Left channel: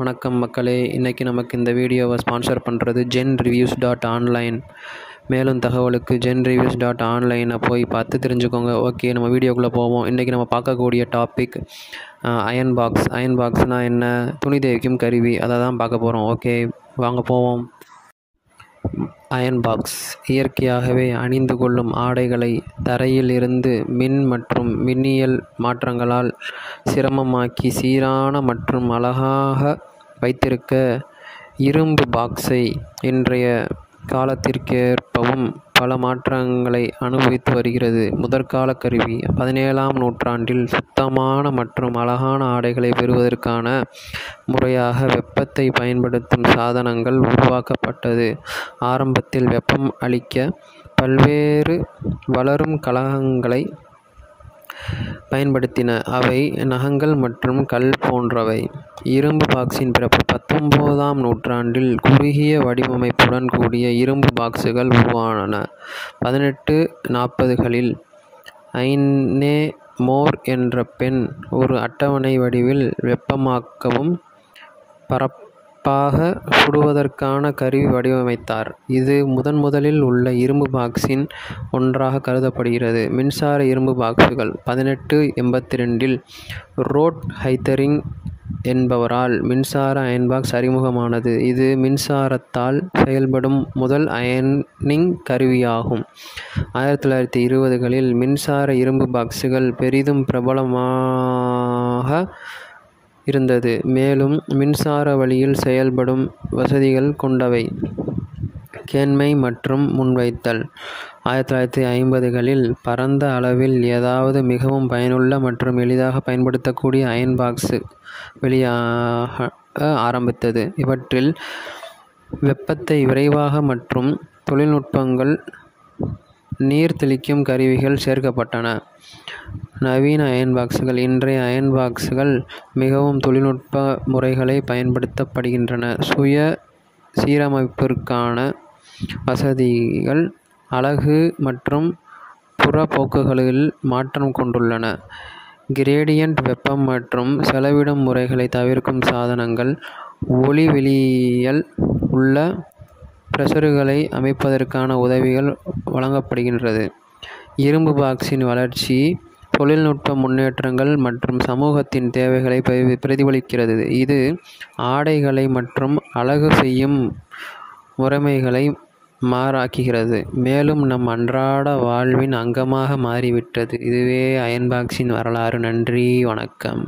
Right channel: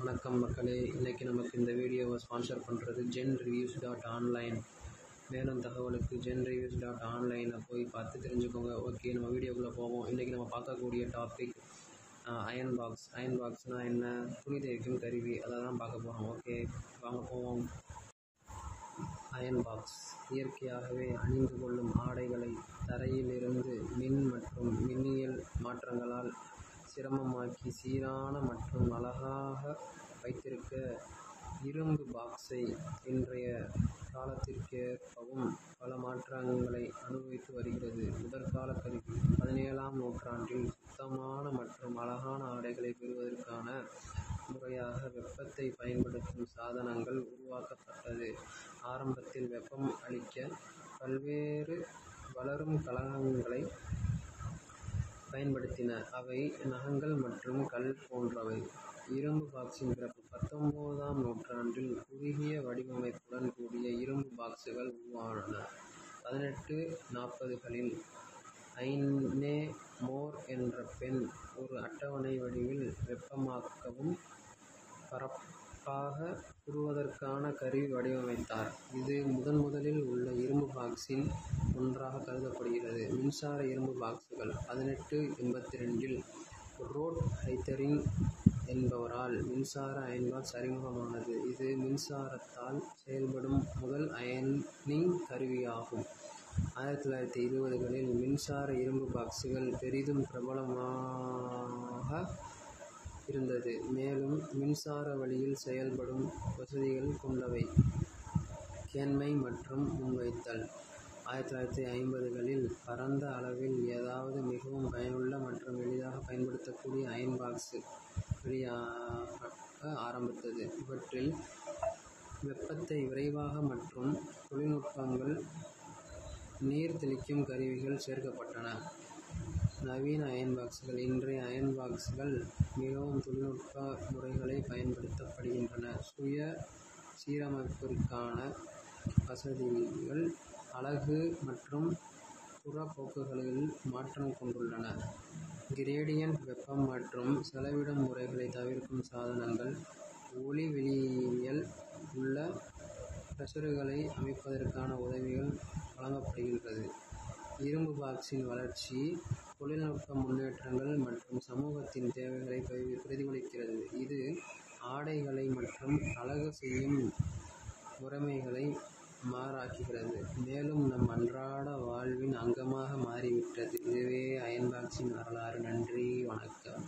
வணக்கம் மக்களே. இன்றைக்கி நமக்கு இந்த வீடியோவை ஸ்பான்சர் பண்ணுறது genreviews.online. மேலும் தகவலுக்கு genreviews.online போய் பார்த்து தெரிஞ்சுக்கோங்க. ஓகே, நம்ம வீடியோக்குள்ளே போவோம். இன்றைக்கி நம்ம பார்க்கக்கூடிய டாபிக் அயன் பாக்ஸ். அயன் பாக்ஸ்னால் என்ன? துணி தேய்க்கும் கருவி, அதை தான் பார்க்க போகிறோம். ஓகே, வாங்க போவோம். அயன் பாக்ஸ் இயற்கையாகவே அணிந்து கொள்ளும் ஆடைகளை தரையில் இருந்து மின் மற்றும் மின்னியல் மாற்றங்களால் சிரமமாக்கி சீரான மற்றும் அழகாக வைத்திருக்க இரும்பு பாக்ஸை இன்றைய காலத்திற்கேற்பவும் பல மாற்றங்களை அனுபவித்து வருகிறது. முதற்கால கருவி 17ஆம் நூற்றாண்டில் சுத்தமான மற்றும் அழகான ஆடைகளை பெறுவதற்கான முறையாக வெப்பத்தை பயன்படுத்தும் சாதனங்கள் உருவாக்கப்பட்டது. ஆரம்பத்தில் வெப்பம் அளிக்க பல்வேறு வளரும் கலங்களை பயன்படுத்தின. அவை நகங்கள் மற்றும் கல் போன்றவை. இரும்பு பாக்ஸின் பிறப்பு 19ஆம் நூற்றாண்டில் குறுகிய வடிவமைப்புடன் கூடிய இரும்பு பாக்ஸுகள் உருவானன. 1840களில் ஐனே மோர் என்ற பெண் ஒரு அட்டவணை வடிவில் வெப்பமாக்கவும் பரப்பாக சுடுவதற்கான கருவி வடிவமைத்தார். இது முதலில் உள்ள இரும்பு பாக்ஸின் ஒன்றாக கருதப்படுகிறது. மின்சார இரும்பு பாக்ஸுகள் 1882இல் ரோட் ஹைத்தரிங் என்பவரால் மின்சார அயன்பாக்ஸ் அறிமுகமானது. இது மின்சாரத்தால் செயல்படும் முதல் அயனிங் கருவியாகும். 1920களில் மின்சார இரும்பு பாக்ஸுகள் பெரிதும் பிரபலமாக இருந்தது. மேலும் மின்சார வழியில் செயல்படும் வசதிகள் கொண்டவை. கேண்மை மற்றும் முன்வைத்தல். 1950களில் பரந்த அளவில் ஏதாவது மிகவும் பயனுள்ள மற்றும் எளிதாக பயன்படுத்தக்கூடிய அயன் பாக்ஸ் வெளியாக ஆரம்பித்தது. இவற்றில் வெப்பத்தை விரைவாக மற்றும் தொழில்நுட்பங்கள் நீர் தெளிக்கும் கருவிகள் சேர்க்கப்பட்டன. நவீன அயன் பாக்ஸுகள். இன்றைய அயன் பாக்ஸுகள் மிகவும் தொழில்நுட்ப முறைகளை பயன்படுத்தப்படுகின்றன. சுய சீரமைப்பிற்கான வசதிகள் அலகு மற்றும் புறப்போக்குகளில் மாற்றம் கொண்டுள்ளன. கிரேடியன்ட் வெப்பம் மற்றும் செலவிடும் முறைகளை தவிர்க்கும் சாதனங்கள். ஒளிவெளியில் உள்ள பிரஷர்களை அமைப்பதற்கான உதவிகள் வழங்கப்படுகின்றது. இரும்பு பாக்ஸின் வளர்ச்சி தொழில்நுட்ப முன்னேற்றங்கள் மற்றும் சமூகத்தின் தேவைகளை பிரதிபலிக்கிறது. இது ஆடைகளை மற்றும் அழகு செய்யும் முறைமைகளை மாறாக்குகிறது, மேலும் நம் அன்றாட வாழ்வின் அங்கமாக மாறிவிட்டது. இதுவே அயன் பாக்ஸின் வரலாறு. நன்றி, வணக்கம்.